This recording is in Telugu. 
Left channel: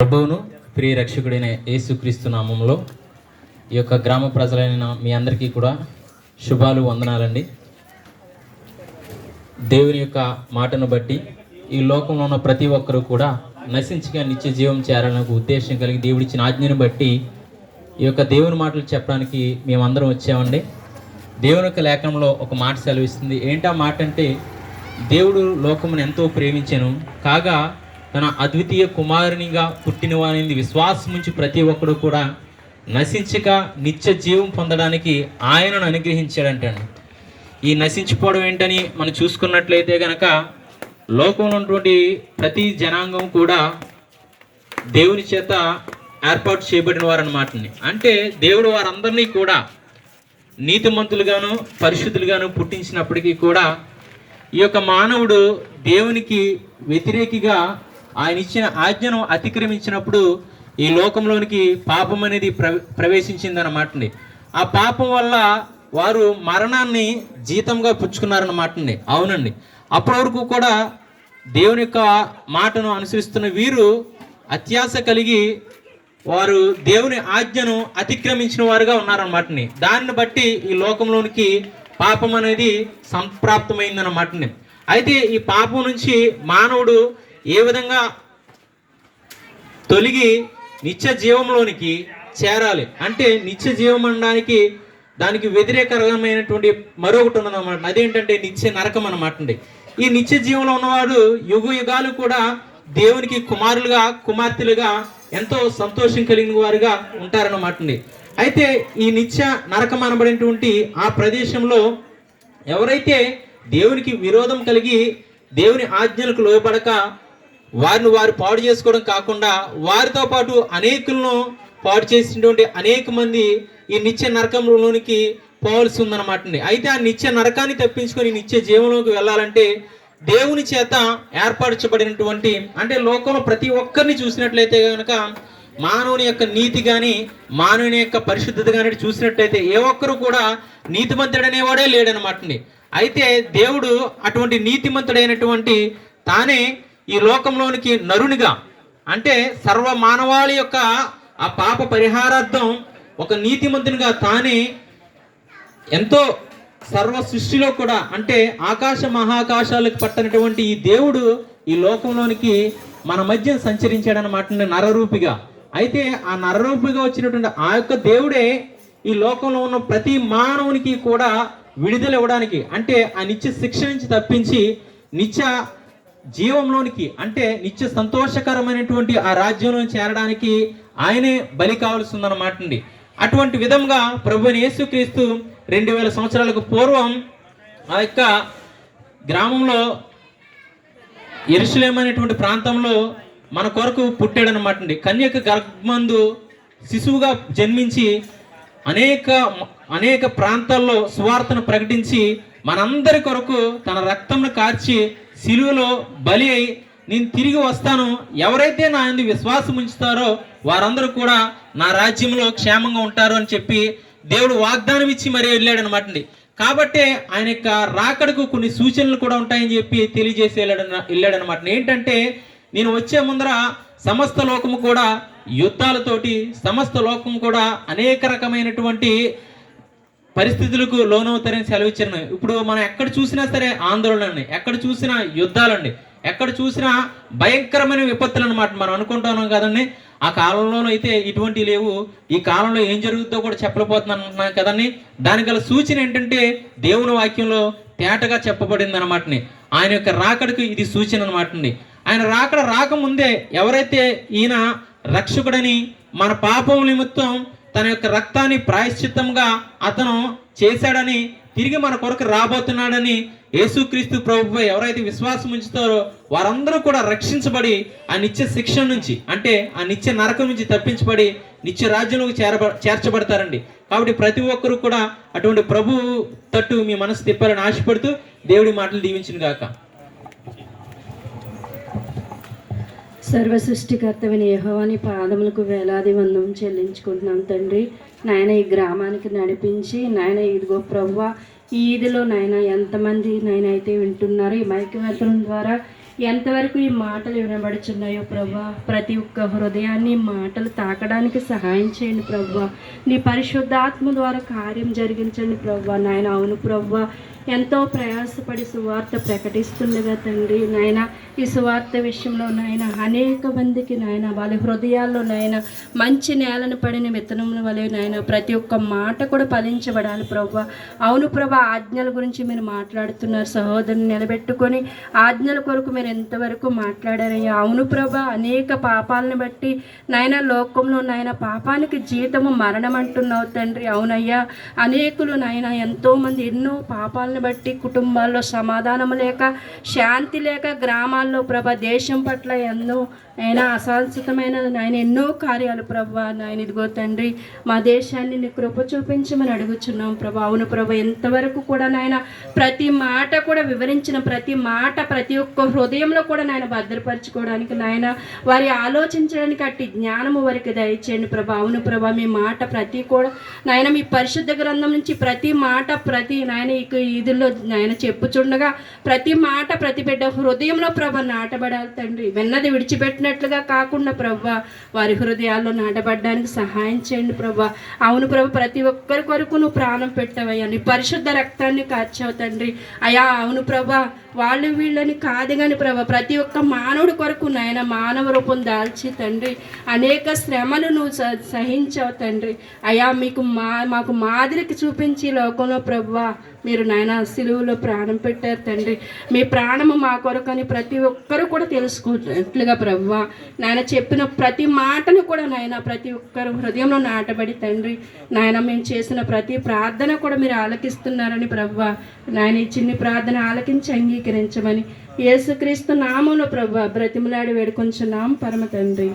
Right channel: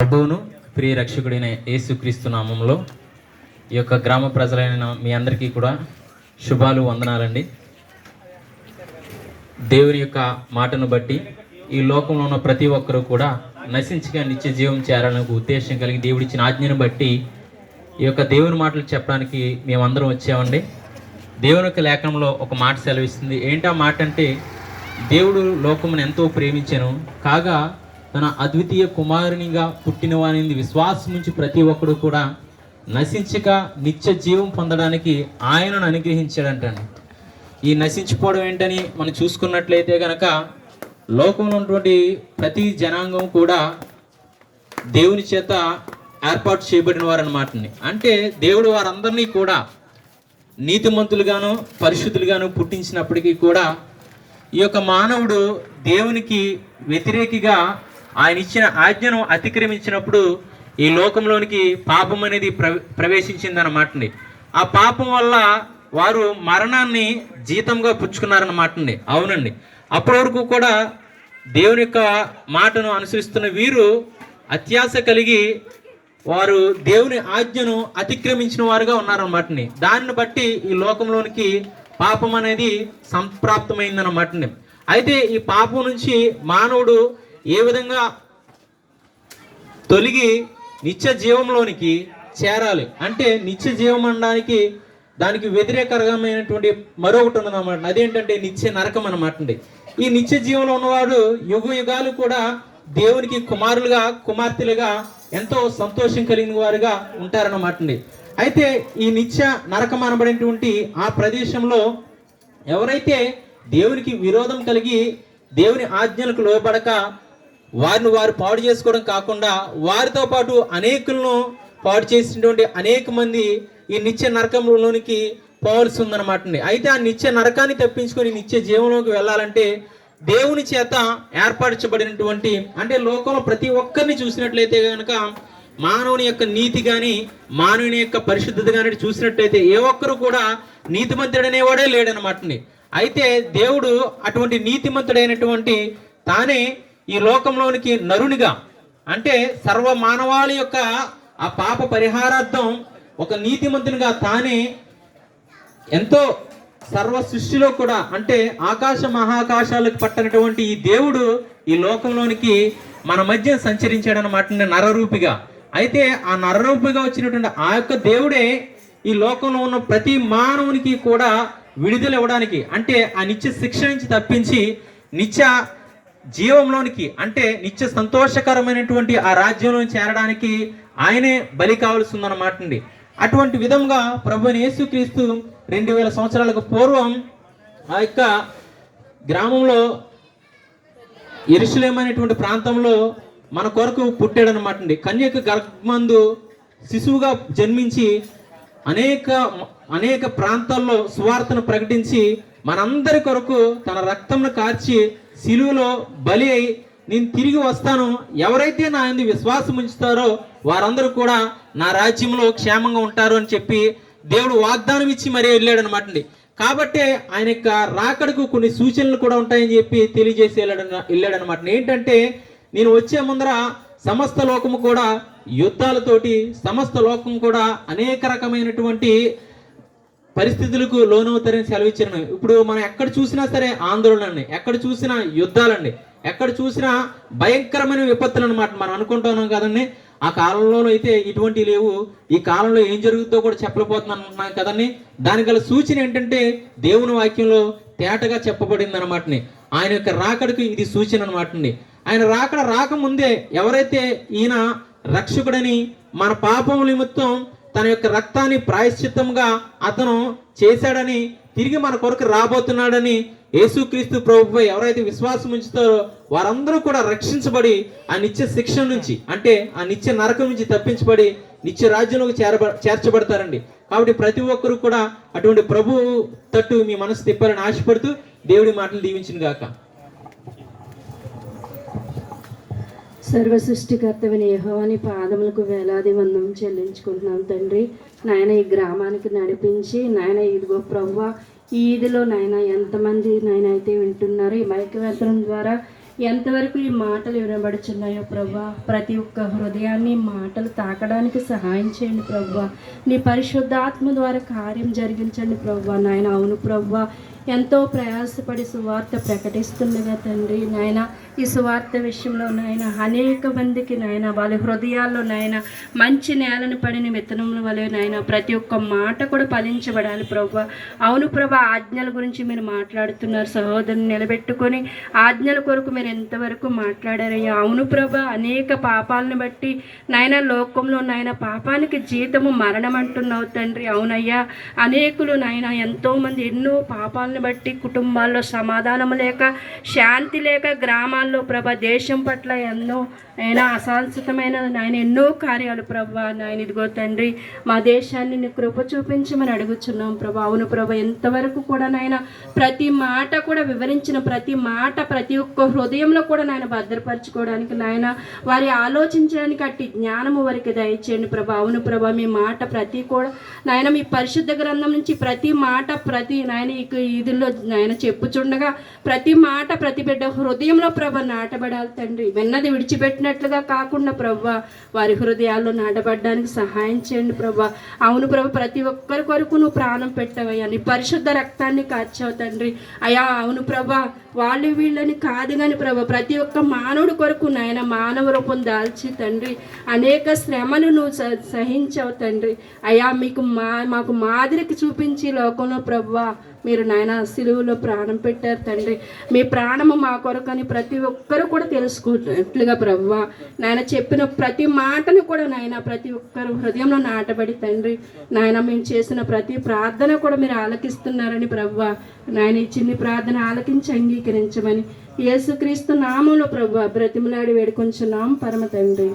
ప్రభువును ప్రియ రక్షకుడైన యేసుక్రీస్తు నామంలో ఈ యొక్క గ్రామ ప్రజలైన మీ అందరికీ కూడా శుభాలు, వందనాలండి. దేవుని యొక్క మాటను బట్టి ఈ లోకంలో ఉన్న ప్రతి ఒక్కరూ కూడా నశించగా నిత్య జీవం చేరాలనే ఉద్దేశం కలిగి దేవుడిచ్చిన ఆజ్ఞను బట్టి ఈ యొక్క దేవుని మాటలు చెప్పడానికి మేమందరం వచ్చామండి. దేవుని యొక్క లేఖనంలో ఒక మాట సెలవిస్తుంది. ఏంటా మాట అంటే, దేవుడు లోకమును ఎంతో ప్రేమించెను కాగా తన అద్వితీయ కుమారునిగా పుట్టిన వారిని విశ్వాసం నుంచి ప్రతి ఒక్కడు కూడా నశించక నిత్య జీవం పొందడానికి ఆయనను అనుగ్రహించాడంటండి. ఈ నశించిపోవడం ఏంటని మనం చూసుకున్నట్లయితే కనుక, లోకంలో ఉన్నటువంటి ప్రతి జనాంగం కూడా దేవుని చేత ఏర్పాటు చేయబడిన వారు అన్నమాటని. అంటే దేవుడు వారందరినీ కూడా నీతిమంతులుగాను పరిశుద్ధులుగాను పుట్టించినప్పటికీ కూడా ఈ యొక్క మానవుడు దేవునికి వ్యతిరేకిగా ఆయన ఇచ్చిన ఆజ్ఞను అతిక్రమించినప్పుడు ఈ లోకంలోనికి పాపం అనేది ప్రవేశించిందన్నమాటండి. ఆ పాపం వల్ల వారు మరణాన్ని జీతంగా పుచ్చుకున్నారన్నమాటండి. అవునండి, అప్పటి వరకు కూడా దేవుని యొక్క మాటను అనుసరిస్తున్న వీరు అత్యాశ కలిగి వారు దేవుని ఆజ్ఞను అతిక్రమించిన వారుగా ఉన్నారన్నమాటండి. దాన్ని బట్టి ఈ లోకంలోనికి పాపం అనేది సంప్రాప్తమైందన్నమాటండి. అయితే ఈ పాపం నుంచి మానవుడు ఏ విధంగా తొలగి నిత్య జీవంలోనికి చేరాలి అంటే, నిత్య జీవం అనడానికి దానికి వ్యతిరేకమైనటువంటి మరొకటి ఉన్నదన్నమాట. అదేంటంటే నిత్య నరకం అన్నమాట అండి. ఈ నిత్య జీవంలో ఉన్నవాడు యుగ యుగాలు కూడా దేవునికి కుమారులుగా కుమార్తెలుగా ఎంతో సంతోషం కలిగిన వారుగా ఉంటారన్నమాట అండి. అయితే ఈ నిత్య నరకం అనబడినటువంటి ఆ ప్రదేశంలో ఎవరైతే దేవునికి విరోధం కలిగి దేవుని ఆజ్ఞలకు లోబడక వారిని వారు పాడు చేసుకోవడం కాకుండా వారితో పాటు అనేకులను పాడు చేసినటువంటి అనేక మంది ఈ నిత్య నరకంలోనికి పోవలసి ఉందన్నమాట అండి. అయితే ఆ నిత్య నరకాన్ని తప్పించుకొని నిత్య జీవంలోకి వెళ్ళాలంటే దేవుని చేత ఏర్పరచబడినటువంటి, అంటే లోకంలో ప్రతి ఒక్కరిని చూసినట్లయితే కనుక మానవుని యొక్క నీతి కానీ మానవుని యొక్క పరిశుద్ధత కానీ చూసినట్లయితే ఏ ఒక్కరు కూడా నీతిమంతుడనేవాడే లేడనమాట అండి. అయితే దేవుడు అటువంటి నీతిమంతుడైనటువంటి తానే ఈ లోకంలోనికి నరునిగా, అంటే సర్వ మానవాళి యొక్క ఆ పాప పరిహారార్థం ఒక నీతిమంతునిగా తానే ఎంతో సర్వ సృష్టిలో కూడా, అంటే ఆకాశ మహాకాశాలకు పట్టనటువంటి ఈ దేవుడు ఈ లోకంలోనికి మన మధ్య సంచరించాడనమాట నరరూపిగా. అయితే ఆ నరరూపిగా వచ్చినటువంటి ఆ యొక్క దేవుడే ఈ లోకంలో ఉన్న ప్రతి మానవునికి కూడా విడుదల ఇవ్వడానికి, అంటే ఆ నిత్య శిక్ష నుంచి తప్పించి నిత్య జీవంలోనికి, అంటే నిత్య సంతోషకరమైనటువంటి ఆ రాజ్యంలో చేరడానికి ఆయనే బలి కావాల్సి ఉందన్నమాట అండి. అటువంటి విధంగా ప్రభువైన యేసుక్రీస్తు 2000 సంవత్సరాలకు పూర్వం ఆ యొక్క గ్రామంలో యెరూషలేము అనేటువంటి ప్రాంతంలో మన కొరకు పుట్టాడనమాట అండి. కన్యక గర్భమందు శిశువుగా జన్మించి అనేక ప్రాంతాల్లో సువార్తను ప్రకటించి మనందరి కొరకు తన రక్తంను కార్చి శిలువలో బలి అయి, నేను తిరిగి వస్తాను, ఎవరైతే నా యందు విశ్వాసం ఉంచుతారో వారందరూ కూడా నా రాజ్యంలో క్షేమంగా ఉంటారు అని చెప్పి దేవుడు వాగ్దానం ఇచ్చి మరీ వెళ్ళాడనమాట అండి. కాబట్టి ఆయన యొక్క రాకడకు కొన్ని సూచనలు కూడా ఉంటాయని చెప్పి తెలియజేసి వెళ్ళాడనమాట. ఏంటంటే, నేను వచ్చే ముందర సమస్త లోకము కూడా యుద్ధాలతోటి, సమస్త లోకం కూడా అనేక రకమైనటువంటి పరిస్థితులకు లోనవుతారని సెలవిచ్చారు. ఇప్పుడు మనం ఎక్కడ చూసినా సరే ఆందోళనని, ఎక్కడ చూసినా యుద్ధాలండి, ఎక్కడ చూసినా భయంకరమైన విపత్తులు అనమాట. మనం అనుకుంటున్నాం కదండి, ఆ కాలంలో అయితే ఇటువంటి లేవు, ఈ కాలంలో ఏం జరుగుతుందో కూడా చెప్పలేకపోతున్నాం కదండి. దానికి గల సూచన ఏంటంటే దేవుని వాక్యంలో తేటగా చెప్పబడింది అనమాటని. ఆయన యొక్క రాకడకు ఇది సూచన అనమాట అండి. ఆయన రాకడ రాకముందే ఎవరైతే ఈయన రక్షకుడని, మన పాపం నిమిత్తం తన యొక్క రక్తాన్ని ప్రాయశ్చిత్తంగా అతను చేశాడని, తిరిగి మన కొరకు రాబోతున్నాడని, యేసుక్రీస్తు ప్రభుపై ఎవరైతే విశ్వాసం ఉంచుతారో వారందరూ కూడా రక్షించబడి ఆ నిత్య శిక్ష నుంచి, అంటే ఆ నిత్య నరకం నుంచి తప్పించబడి నిత్య రాజ్యంలోకి చేర్చబడతారండి. కాబట్టి ప్రతి ఒక్కరూ కూడా అటువంటి ప్రభు తట్టు మీ మనసు తిప్పాలని ఆశపడుతూ దేవుడి మాటలు దీవించును గాక. సర్వ సృష్టికర్తమైన యెహోవాని పాదములకు వేలాది వందనం చెల్లించుకుంటున్నాం తండ్రి. నాయన ఈ గ్రామానికి నడిపించి, నాయన ఇదిగో ప్రభువా ఈ ఈదిలో నాయన ఎంతమంది నాయన అయితే వింటున్నారు, ఈ మైక్ వెళ్ళడం ద్వారా ఎంతవరకు ఈ మాటలు వినబడుచున్నాయో ప్రభా, ప్రతి ఒక్క హృదయాన్ని ఈ మాటలు తాకడానికి సహాయం చేయండి ప్రభా. నీ పరిశుద్ధాత్మ ద్వారా కార్యం జరిగించండి ప్రభా. నాయన అవును ప్రభా, ఎంతో ప్రయాసపడి సువార్త ప్రకటిస్తుండగా తండ్రి నాయన, ఈ సువార్త విషయంలో నాయన అనేక మందికి నాయన వాళ్ళ హృదయాల్లో నాయన మంచి నేలను పడిన విత్తనముల వలె నాయన ప్రతి ఒక్క మాట కూడా ఫలించబడాలి ప్రభా. అవును ప్రభా, ఆజ్ఞల గురించి మీరు మాట్లాడుతున్నారు, సహోదరుని నిలబెట్టుకొని ఆజ్ఞల కొరకు మీరు ఎంతవరకు మాట్లాడారయ్యా. అవును ప్రభా, అనేక పాపాలను బట్టి నాయన లోకంలో నాయన పాపానికి జీతము మరణం అంటున్నావు తండ్రి. అవునయ్యా, అనేకులు నాయన ఎంతోమంది ఎన్నో పాపాలను బట్టి కుటుంబాల్లో సమాధానం లేక, శాంతి లేక, గ్రామాల్లో ప్రభా దేశం పట్ల ఎన్నో ఆయన అశాశ్వతమైన నాయన ఎన్నో కార్యాలు ప్రభా. నాయన ఇదిగో తండ్రి, మా దేశాన్ని నీ కృప చూపించమని అడుగుచున్నాం ప్రభా. అవును ప్రభా, ఎంతవరకు కూడా నాయన ప్రతి మాట కూడా వివరించిన ప్రతి మాట ప్రతి ఒక్క హృదయంలో కూడా నాయన భద్రపరచుకోవడానికి నాయన వారి ఆలోచించడానికి అట్టి జ్ఞానము వారికి దయచేయండి ప్రభా. అవును ప్రభా, మీ మాట ప్రతి కూడా నాయన మీ పరిశుద్ధ గ్రంథం నుంచి ప్రతి మాట ప్రతి నాయన ఇదిలో నాయన చెప్పుచుండగా ప్రతి మాట ప్రతి బిడ్డ హృదయంలో ప్రభ నాటబడాలి తండ్రి. విన్నది విడిచిపెట్టినట్లుగా కాకుండా ప్రభా వారి హృదయాల్లో నాటబడడానికి సహాయం చేయండి ప్రభా. అవును ప్రభు, ప్రతి ఒక్కరి కొరకు నువ్వు ప్రాణం పెట్టవయ్యా, నీ పరిశుద్ధ రక్తాన్ని కార్చావు తండ్రి. అయా అవును ప్రభా, వాళ్ళు వీళ్ళని కాదు కానీ ప్రభా ప్రతి ఒక్క మానవుడి కొరకు నాయన మానవ రూపం దాల్చి తండ్రి అనేక శ్రమలు నువ్వు సహించావు తండ్రి. అయా మాకు మాదిరికి చూపించి లోకంలో ప్రభా మీరు నాయన సిలువలో ప్రాణం పెట్టారు తండ్రి. మీ ప్రాణము మా కొరకు అని ప్రతి ఒక్కరు కూడా తెలుసుకున్నట్లుగా ప్రభా నాయన చెప్పిన ప్రతి మాటను కూడా నాయన ప్రతి ఒక్కరు హృదయంలో నాటబడి తండ్రి నాయన మేము చేసిన ప్రతి ప్రార్థన కూడా మీరు ఆలకిస్తున్నారని ప్రభా నాయన ఈ చిన్ని ప్రార్థన ఆలకించి అంగీకరించమని యేసుక్రీస్తు నామములో ప్రభా బ్రతిమలాడి వేడుకొంచున్నాం పరమ తండ్రి.